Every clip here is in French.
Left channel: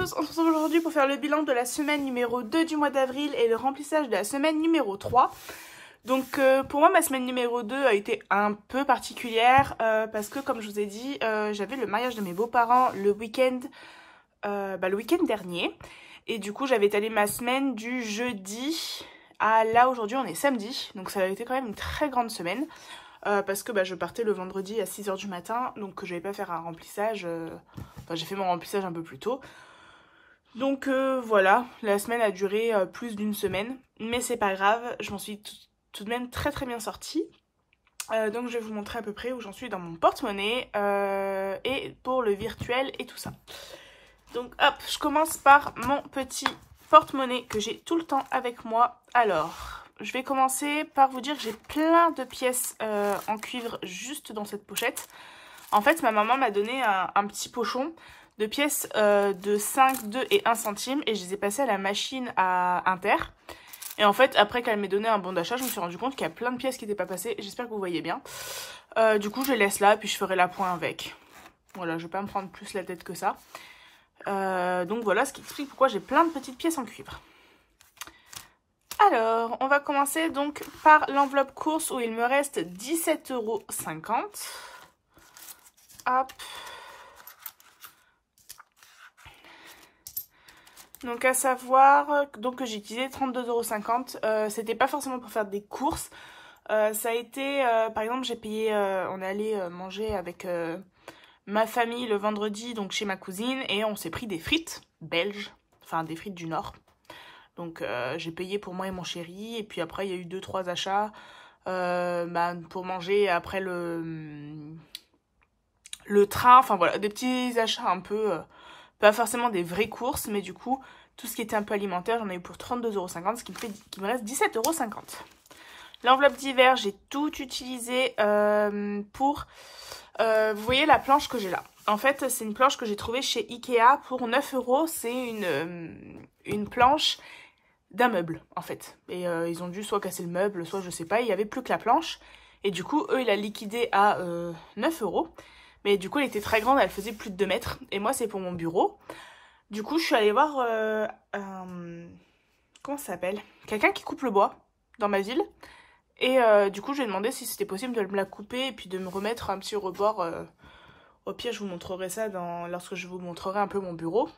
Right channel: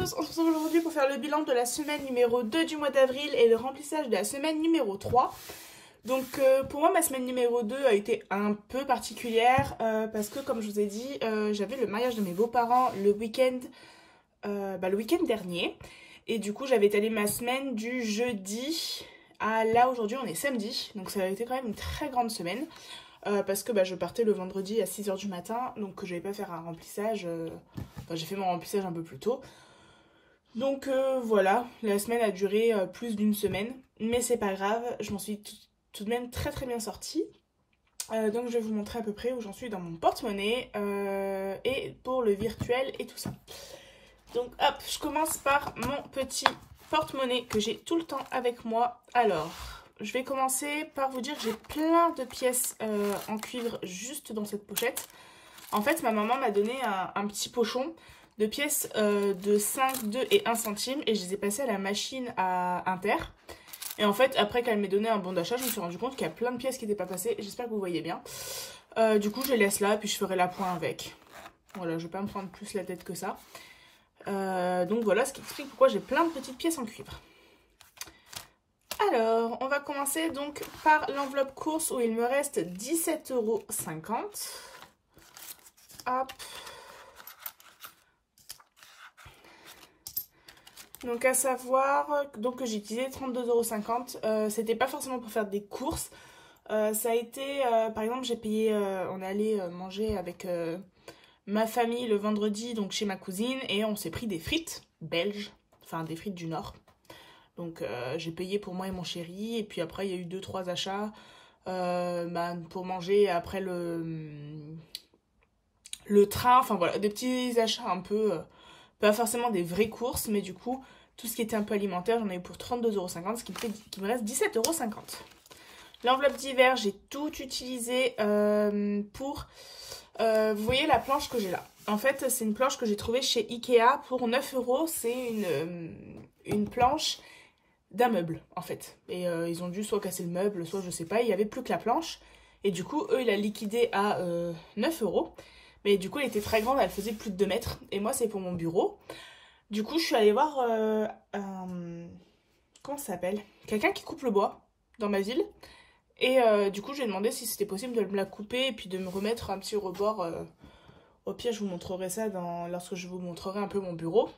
tous, on se retrouve aujourd'hui pour faire le bilan de la semaine numéro 2 du mois d'avril et le remplissage de la semaine numéro 3. Donc pour moi ma semaine numéro 2 a été un peu particulière parce que comme je vous ai dit j'avais le mariage de mes beaux-parents le week-end dernier. Et du coup j'avais étalé ma semaine du jeudi à là aujourd'hui on est samedi. Donc ça a été quand même une très grande semaine. Parce que je partais le vendredi à 6 h du matin, donc je vais pas faire un remplissage, j'ai fait mon remplissage un peu plus tôt. Donc voilà, la semaine a duré plus d'une semaine, mais c'est pas grave, je m'en suis tout de même très bien sortie. Donc je vais vous montrer à peu près où j'en suis dans mon porte-monnaie et pour le virtuel et tout ça. Donc hop, je commence par mon petit porte-monnaie que j'ai tout le temps avec moi. Alors... je vais commencer par vous dire que j'ai plein de pièces en cuivre juste dans cette pochette. En fait, ma maman m'a donné un petit pochon de pièces de 5, 2 et 1 centime. Et je les ai passées à la machine à Inter. Et en fait, après qu'elle m'ait donné un bon d'achat, je me suis rendu compte qu'il y a plein de pièces qui n'étaient pas passées. J'espère que vous voyez bien. Du coup, je les laisse là, puis je ferai la pointe avec. Voilà, je ne vais pas me prendre plus la tête que ça. Donc voilà, ce qui explique pourquoi j'ai plein de petites pièces en cuivre. Alors, on va commencer donc par l'enveloppe course où il me reste 17,50 €. Hop. Donc à savoir donc, que j'ai utilisé 32,50 €. C'était pas forcément pour faire des courses. Ça a été, par exemple, j'ai payé, on est allé manger avec ma famille le vendredi donc chez ma cousine et on s'est pris des frites belges, enfin des frites du Nord. Donc j'ai payé pour moi et mon chéri. Et puis après il y a eu 2-3 achats pour manger après le train. Enfin voilà, des petits achats un peu, pas forcément des vraies courses. Mais du coup, tout ce qui était un peu alimentaire, j'en ai eu pour 32,50 €. Ce qui me reste 17,50 €. L'enveloppe d'hiver, j'ai tout utilisé pour... vous voyez la planche que j'ai là. En fait, c'est une planche que j'ai trouvée chez Ikea pour 9 €. C'est une planche... d'un meuble en fait, et ils ont dû soit casser le meuble, soit je sais pas, il y avait plus que la planche, et du coup eux il a liquidé à 9 €, mais du coup elle était très grande, elle faisait plus de 2 mètres, et moi c'est pour mon bureau. Du coup je suis allée voir comment ça s'appelle, quelqu'un qui coupe le bois dans ma ville, et du coup je lui ai demandé si c'était possible de me la couper et puis de me remettre un petit rebord. Au pire je vous montrerai ça lorsque je vous montrerai un peu mon bureau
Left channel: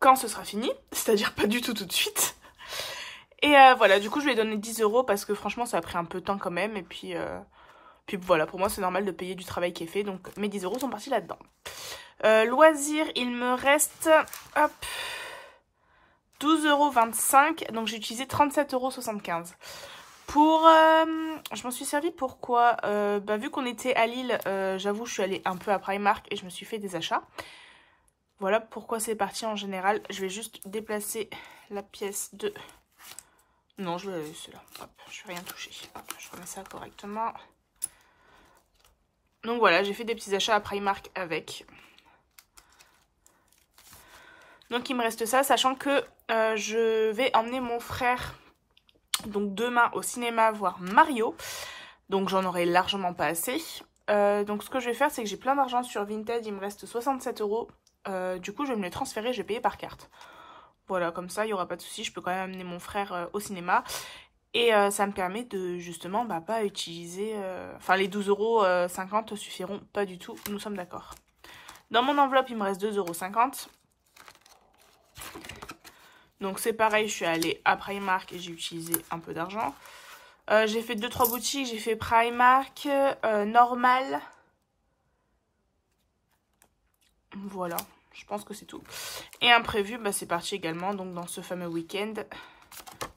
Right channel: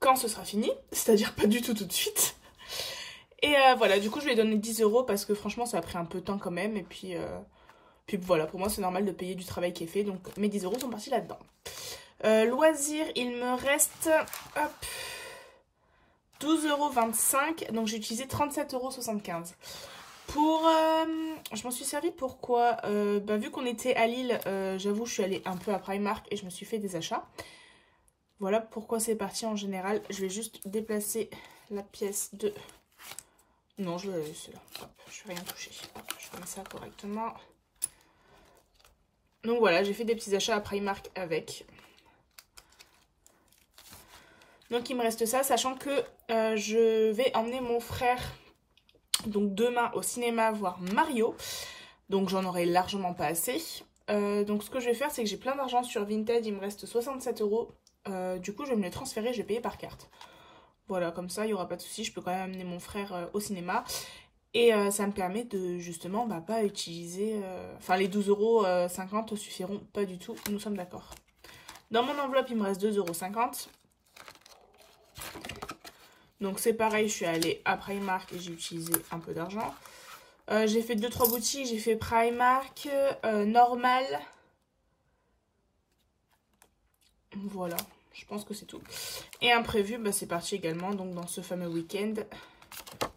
quand ce sera fini, c'est-à-dire pas du tout de suite. Et voilà, du coup je lui ai donné 10 € parce que franchement ça a pris un peu de temps quand même. Et puis voilà, pour moi c'est normal de payer du travail qui est fait. Donc mes 10 € sont partis là-dedans. Loisirs, il me reste 12,25 €. Donc j'ai utilisé 37,75 €. Pour, je m'en suis servi pour quoi vu qu'on était à Lille, j'avoue je suis allée un peu à Primark et je me suis fait des achats. Voilà pourquoi c'est parti en général. Je vais juste déplacer la pièce de... non, je vais la laisser là. Hop, je vais rien toucher. Hop, je remets ça correctement. Donc voilà, j'ai fait des petits achats à Primark avec. Donc il me reste ça, sachant que je vais emmener mon frère donc demain au cinéma voir Mario. Donc j'en aurai largement pas assez. Donc ce que je vais faire, c'est que j'ai plein d'argent sur Vinted. Il me reste 67 €. Du coup je vais me les transférer, je vais payer par carte. Voilà, comme ça il n'y aura pas de souci, je peux quand même amener mon frère au cinéma. Et ça me permet de justement pas utiliser... enfin les 12,50 € suffiront pas du tout, nous sommes d'accord. Dans mon enveloppe il me reste 2,50 €. Donc c'est pareil, je suis allée à Primark et j'ai utilisé un peu d'argent. J'ai fait 2-3 boutiques, j'ai fait Primark, Normal... voilà, je pense que c'est tout. Et imprévu, c'est parti également, donc dans ce fameux week-end,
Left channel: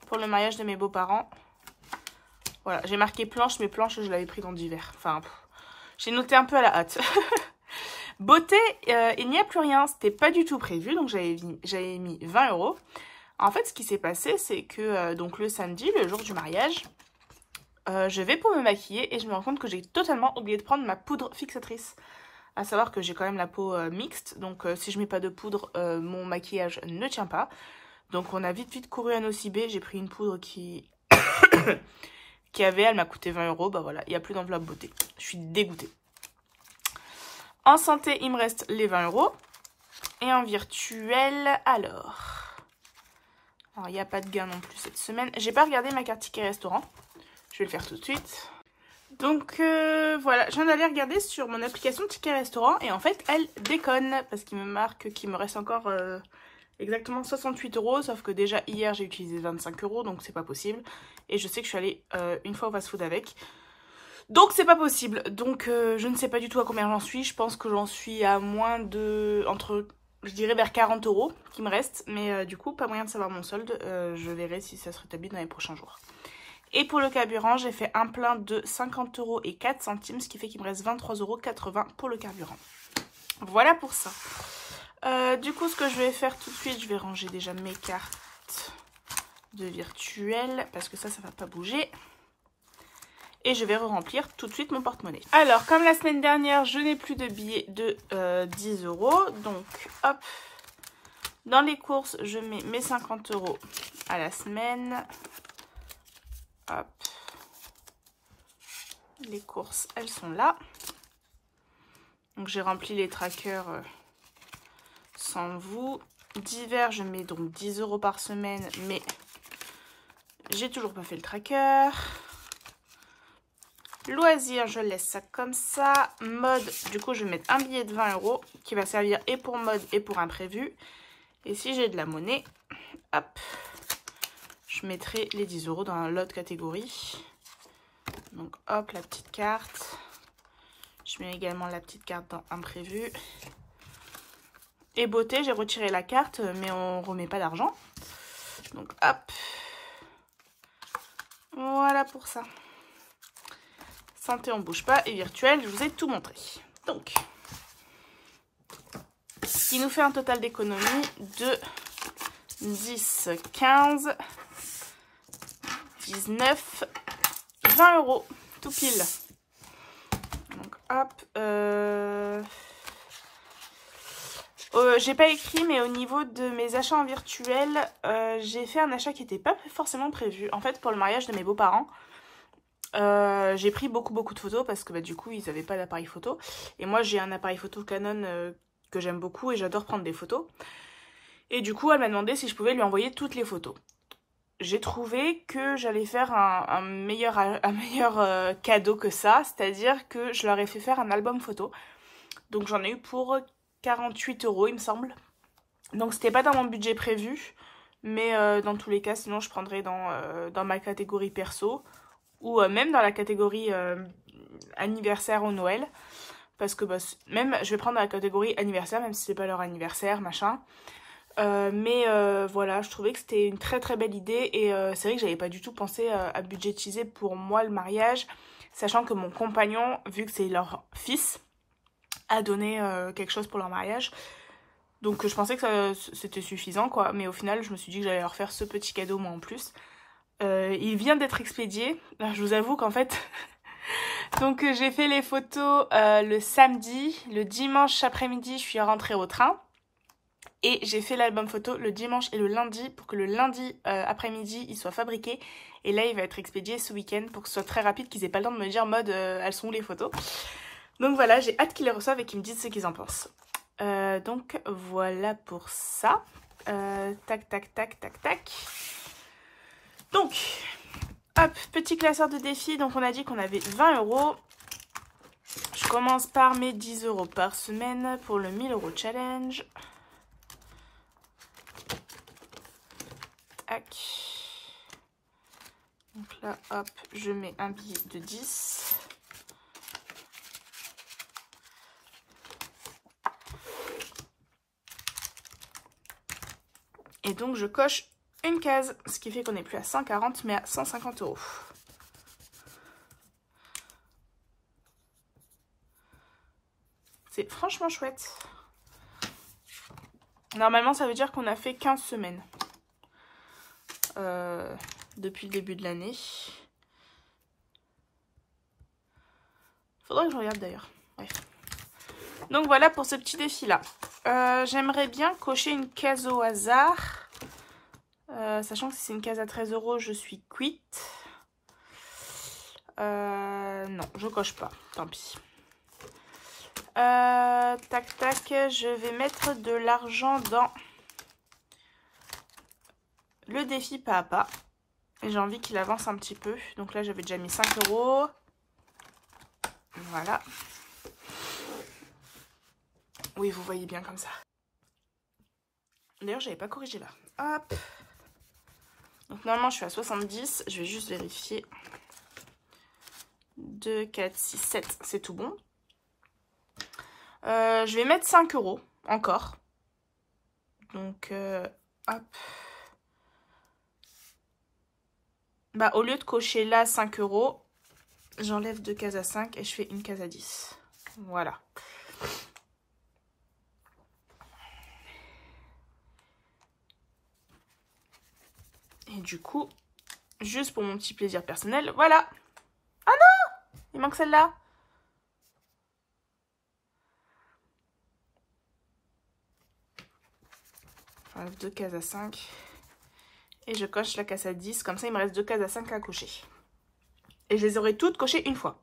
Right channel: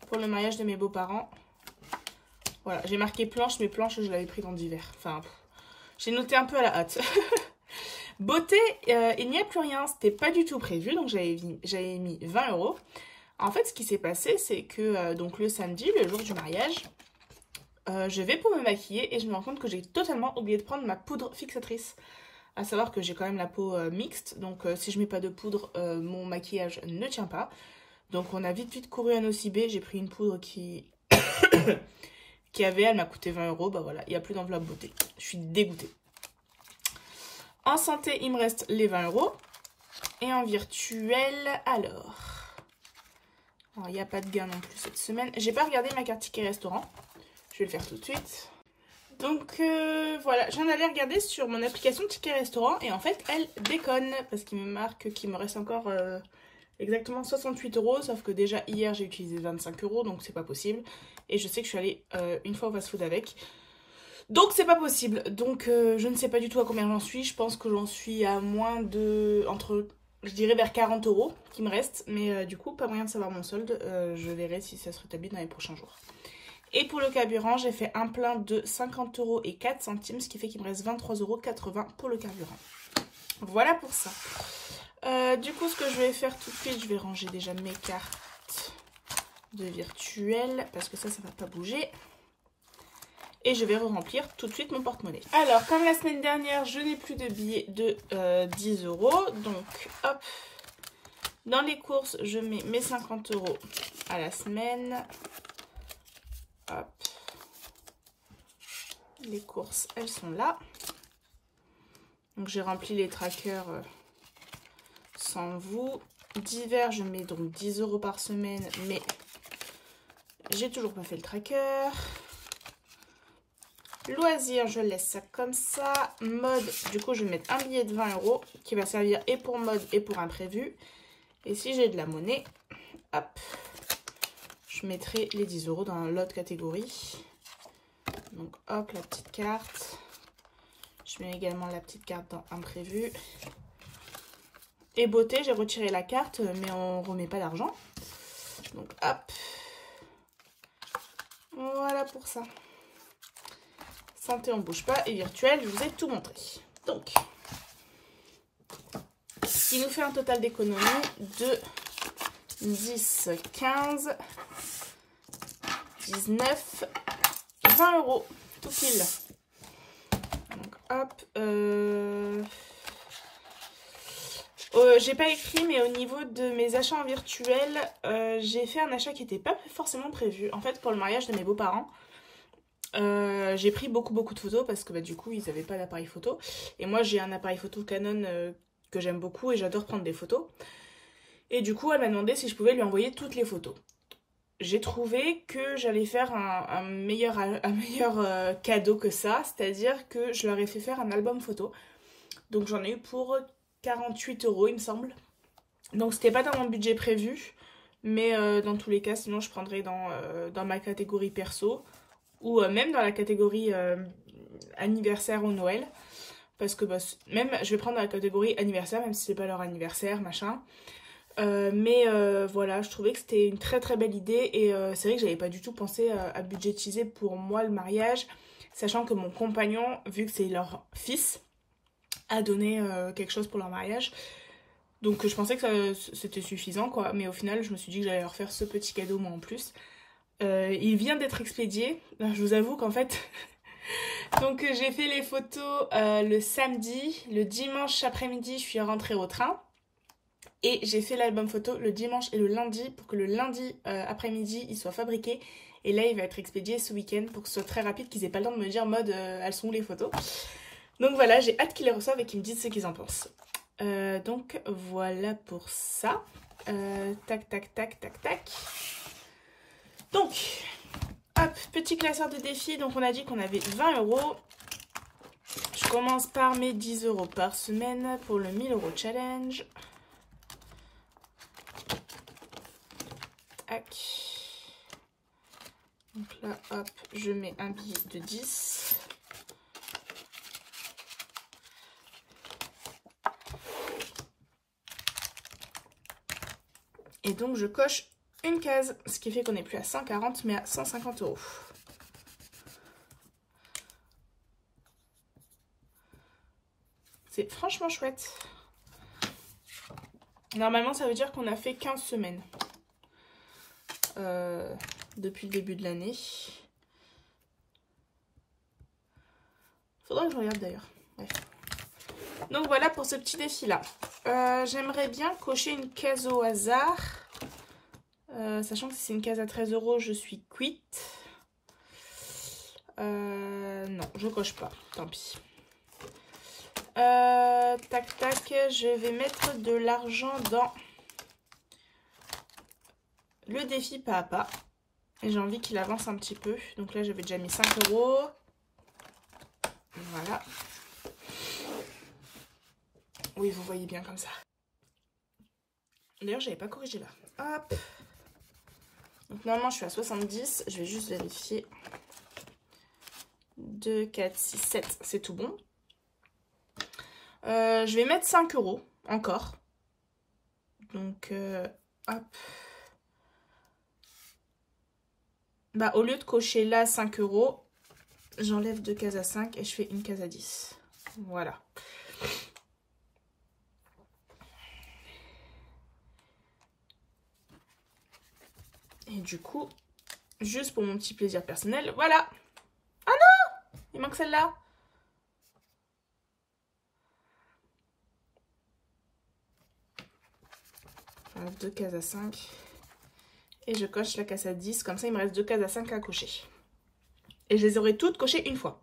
pour le mariage de mes beaux-parents. Voilà, j'ai marqué planche, mais planche, je l'avais pris dans d'hiver. Enfin, j'ai noté un peu à la hâte. Beauté, il n'y a plus rien, c'était pas du tout prévu, donc j'avais mis 20 €. En fait, ce qui s'est passé, c'est que donc le samedi, le jour du mariage, je vais pour me maquiller et je me rends compte que j'ai totalement oublié de prendre ma poudre fixatrice. À savoir que j'ai quand même la peau mixte, donc si je mets pas de poudre, mon maquillage ne tient pas. Donc on a vite couru à Nocibé, j'ai pris une poudre qui elle m'a coûté 20 €. Bah voilà, il n'y a plus d'enveloppe beauté. Je suis dégoûtée. En santé, il me reste les 20 €. Et en virtuel, alors il n'y a pas de gain non plus cette semaine. J'ai pas regardé ma carte ticket restaurant. Je vais le faire tout de suite. Donc voilà, je viens d'aller regarder sur mon application ticket restaurant. Et en fait, elle déconne. Parce qu'il me marque qu'il me reste encore exactement 68 €. Sauf que déjà hier, j'ai utilisé 25 €. Donc c'est pas possible. Et je sais que je suis allée une fois au fast food avec. Donc c'est pas possible. Donc je ne sais pas du tout à combien j'en suis. Je pense que j'en suis à moins de... je dirais vers 40 € qui me reste. Mais du coup, pas moyen de savoir mon solde. Je verrai si ça se rétablit dans les prochains jours. Et pour le carburant, j'ai fait un plein de 50 € et 4 centimes. Ce qui fait qu'il me reste 23,80 € pour le carburant. Voilà pour ça. Du coup, ce que je vais faire tout de suite, je vais ranger déjà mes cartes de virtuel. Parce que ça va pas bouger. Et je vais remplir tout de suite mon porte-monnaie. Alors, comme la semaine dernière, je n'ai plus de billets de 10 €. Donc, hop. Dans les courses, je mets mes 50 € à la semaine. Hop. Les courses, elles sont là. Donc, j'ai rempli les trackers sans vous. D'hiver, je mets donc 10 € par semaine. Mais j'ai toujours pas fait le tracker. Loisirs, je laisse ça comme ça. Mode, du coup, je vais mettre un billet de 20 € qui va servir et pour mode et pour imprévu. Et si j'ai de la monnaie, hop, je mettrai les 10 € dans l'autre catégorie. Donc, hop, la petite carte. Je mets également la petite carte dans imprévu. Et beauté, j'ai retiré la carte, mais on ne remet pas d'argent. Donc, hop. Voilà pour ça. Santé, on bouge pas. Et virtuel, je vous ai tout montré. Donc, ce qui nous fait un total d'économie de 10, 15, 19, 20 €. Tout pile. Donc, hop. J'ai pas écrit, mais au niveau de mes achats en virtuel, j'ai fait un achat qui n'était pas forcément prévu. En fait, pour le mariage de mes beaux-parents, j'ai pris beaucoup de photos parce que bah, du coup ils n'avaient pas d'appareil photo et moi j'ai un appareil photo Canon que j'aime beaucoup et j'adore prendre des photos, et du coup elle m'a demandé si je pouvais lui envoyer toutes les photos. J'ai trouvé que j'allais faire un meilleur cadeau que ça, c'est-à-dire que je leur ai fait faire un album photo. Donc j'en ai eu pour 48 € il me semble, donc c'était pas dans mon budget prévu, mais dans tous les cas sinon je prendrais dans ma catégorie perso ou même dans la catégorie anniversaire ou Noël. Parce que bah, même, je vais prendre la catégorie anniversaire, même si c'est pas leur anniversaire, machin. Mais voilà, je trouvais que c'était une très belle idée. Et c'est vrai que j'avais pas du tout pensé à budgétiser pour moi le mariage. Sachant que mon compagnon, vu que c'est leur fils, a donné quelque chose pour leur mariage. Donc je pensais que c'était suffisant, quoi. Mais au final, je me suis dit que j'allais leur faire ce petit cadeau, moi, en plus. Il vient d'être expédié. Alors, je vous avoue qu'en fait, donc j'ai fait les photos le samedi. Le dimanche après-midi, je suis rentrée au train. Et j'ai fait l'album photo le dimanche et le lundi pour que le lundi après-midi, il soit fabriqué. Et là, il va être expédié ce week-end pour que ce soit très rapide, qu'ils aient pas le temps de me dire mode elles sont où les photos. Donc voilà, j'ai hâte qu'ils les reçoivent et qu'ils me disent ce qu'ils en pensent. Donc voilà pour ça. Tac. Donc, hop, petit classeur de défis. Donc, on a dit qu'on avait 20 €. Je commence par mes 10 € par semaine pour le 1000 € challenge. Tac. Donc là, hop, je mets un billet de 10. Et donc, je coche une case, ce qui fait qu'on n'est plus à 140 mais à 150 €. C'est franchement chouette. Normalement, ça veut dire qu'on a fait 15 semaines depuis le début de l'année. Faudrait que je regarde d'ailleurs. Bref. Donc voilà pour ce petit défi-là. J'aimerais bien cocher une case au hasard. Sachant que si c'est une case à 13 €, je suis quitte. Non, je coche pas. Tant pis. Tac tac, je vais mettre de l'argent dans le défi pas à pas. Et j'ai envie qu'il avance un petit peu. Donc là, j'avais déjà mis 5 €. Voilà. Oui, vous voyez bien comme ça. D'ailleurs, j'avais pas corrigé là. Hop. Donc normalement, je suis à 70. Je vais juste vérifier. 2, 4, 6, 7. C'est tout bon. Je vais mettre 5 € encore. Donc, hop. Bah, au lieu de cocher là 5 €, j'enlève 2 cases à 5 et je fais une case à 10. Voilà. Et du coup, juste pour mon petit plaisir personnel, voilà. Ah non! Il manque celle-là. J'enlève 2 cases à 5. Et je coche la case à 10. Comme ça, il me reste 2 cases à 5 à cocher. Et je les aurai toutes cochées une fois.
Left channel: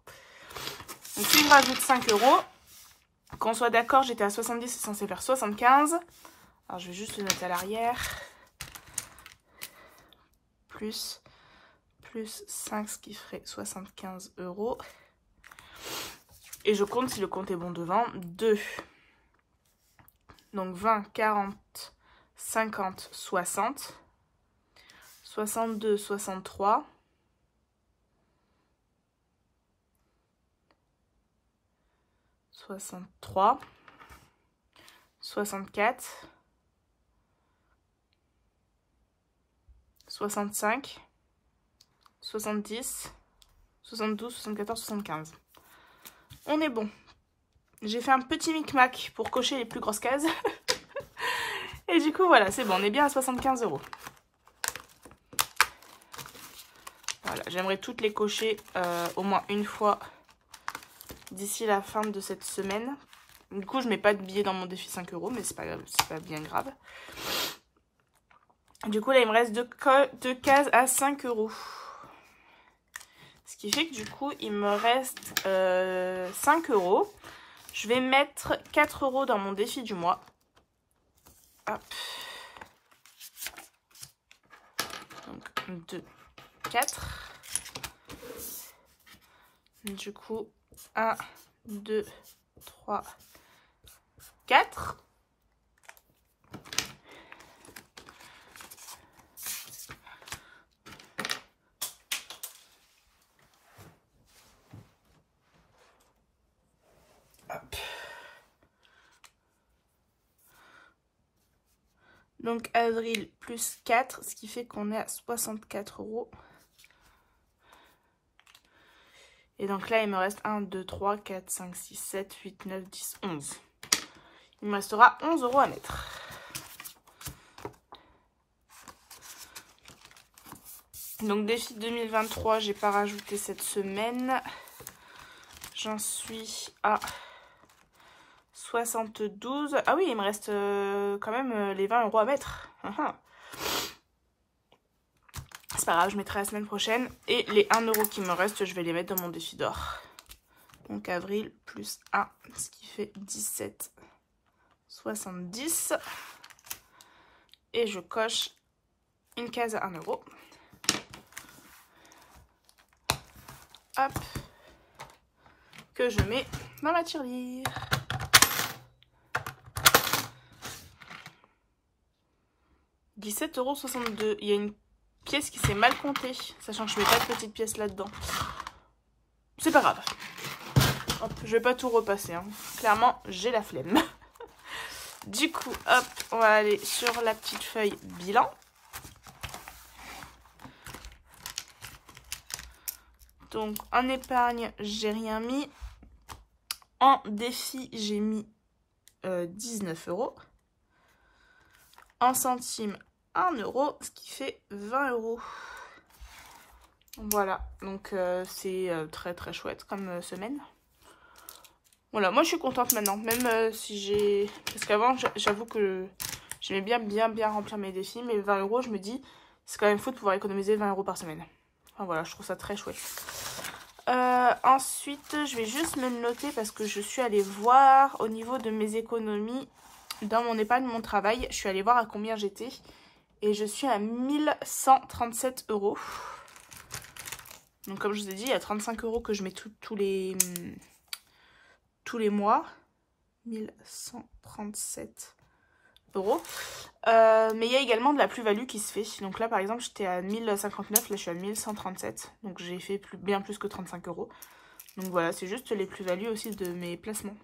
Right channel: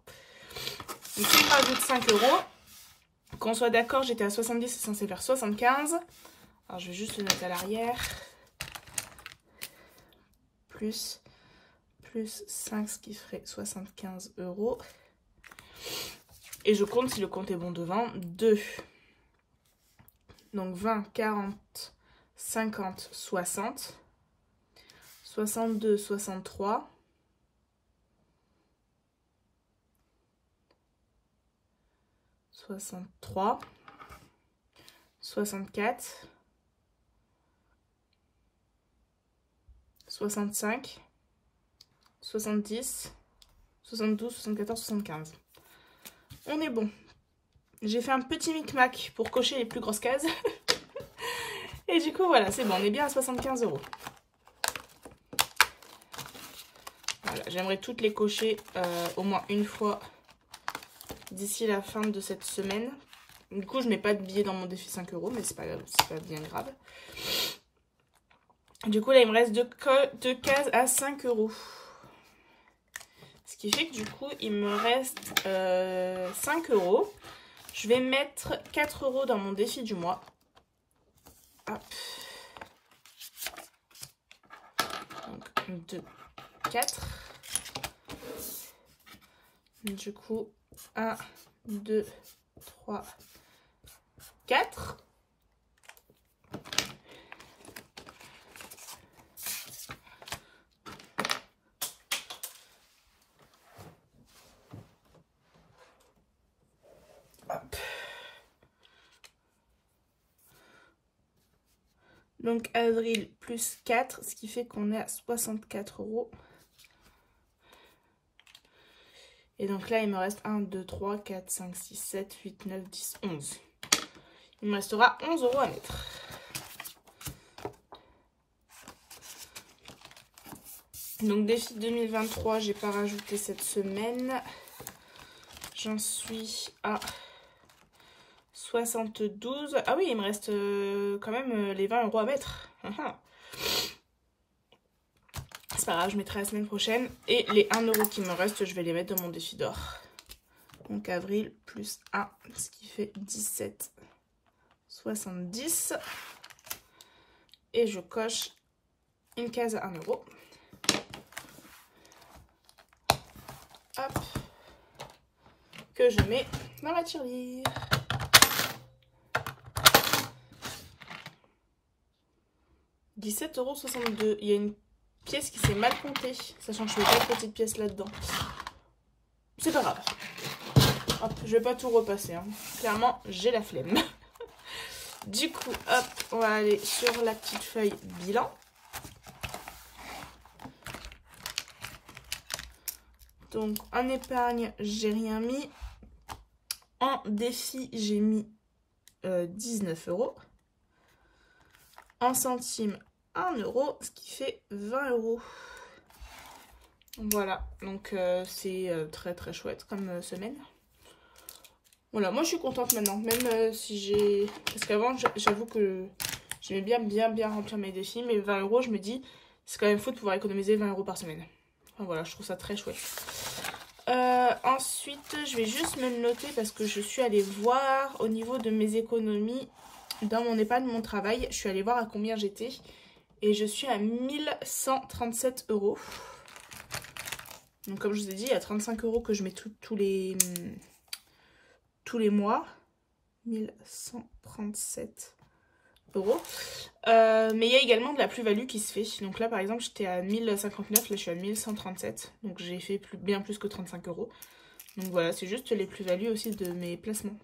Donc, il me rajoute 5 €. Qu'on soit d'accord, j'étais à 70, c'est censé faire 75. Alors, je vais juste le mettre à l'arrière. Plus 5, ce qui ferait 75 €. Et je compte si le compte est bon devant. 2. Donc 20, 40, 50, 60. 62, 63. 63. 64. 65. 70. 72, 74, 75. On est bon. J'ai fait un petit micmac pour cocher les plus grosses cases. Et du coup, voilà, c'est bon. On est bien à 75 €. Voilà, j'aimerais toutes les cocher au moins une fois d'ici la fin de cette semaine. Du coup, je mets pas de billets dans mon défi 5 €, mais c'est pas bien grave. Du coup, là, il me reste deux cases à 5 €. Ce qui fait que du coup, il me reste 5 €. Je vais mettre 4 € dans mon défi du mois. Hop. Donc, 2, 4. Du coup, 1, 2, 3, 4. Hop. Donc avril plus 4, ce qui fait qu'on est à 64 €. Et donc là, il me reste 1, 2, 3, 4, 5, 6, 7, 8, 9, 10, 11. Il me restera 11 € à mettre. Donc défi 2023, j'ai pas rajouté cette semaine. J'en suis à 72. Ah oui, il me reste quand même les 20 € à mettre. C'est pas grave, je mettrai la semaine prochaine. Et les 1 € qui me restent, je vais les mettre dans mon défi d'or. Donc avril plus 1, ce qui fait 17, 70. Et je coche une case à 1 €. Hop. Que je mets dans la tirelire. « 17,62 €. Il y a une pièce qui s'est mal comptée, sachant que je ne mets pas de petite pièce là-dedans. C'est pas grave. Hop, je vais pas tout repasser. Hein. Clairement, j'ai la flemme. Du coup, hop, on va aller sur la petite feuille bilan. Donc, en épargne, j'ai rien mis. En défi, j'ai mis 19 €. En centimes, 1 €, ce qui fait 20 €. Voilà, donc c'est très très chouette comme semaine. Voilà, moi je suis contente maintenant, même si j'ai... Parce qu'avant, j'avoue que j'aimais bien remplir mes défis, mais 20 €, je me dis, c'est quand même fou de pouvoir économiser 20 € par semaine. Enfin voilà, je trouve ça très chouette. Ensuite, je vais juste me le noter parce que je suis allée voir au niveau de mes économies dans mon épargne, mon travail. Je suis allée voir à combien j'étais et je suis à 1137 €. Donc comme je vous ai dit, il y a 35 € que je mets tous les mois. 1137 €. Mais il y a également de la plus-value qui se fait. Donc là par exemple j'étais à 1059, là je suis à 1137. Donc j'ai fait bien plus que 35 €. Donc voilà, c'est juste les plus-values aussi de mes placements.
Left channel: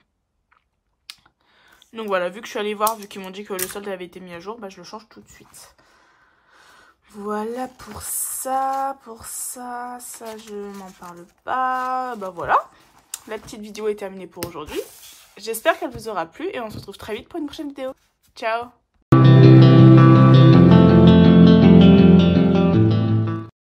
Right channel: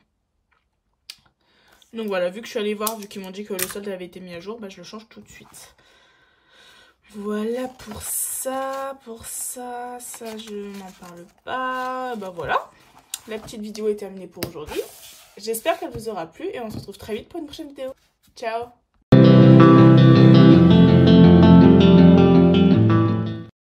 Donc voilà, vu que je suis allée voir, vu qu'ils m'ont dit que le solde avait été mis à jour, bah je le change tout de suite. Voilà pour ça, ça je m'en parle pas. Bah voilà, la petite vidéo est terminée pour aujourd'hui. J'espère qu'elle vous aura plu et on se retrouve très vite pour une prochaine vidéo. Ciao!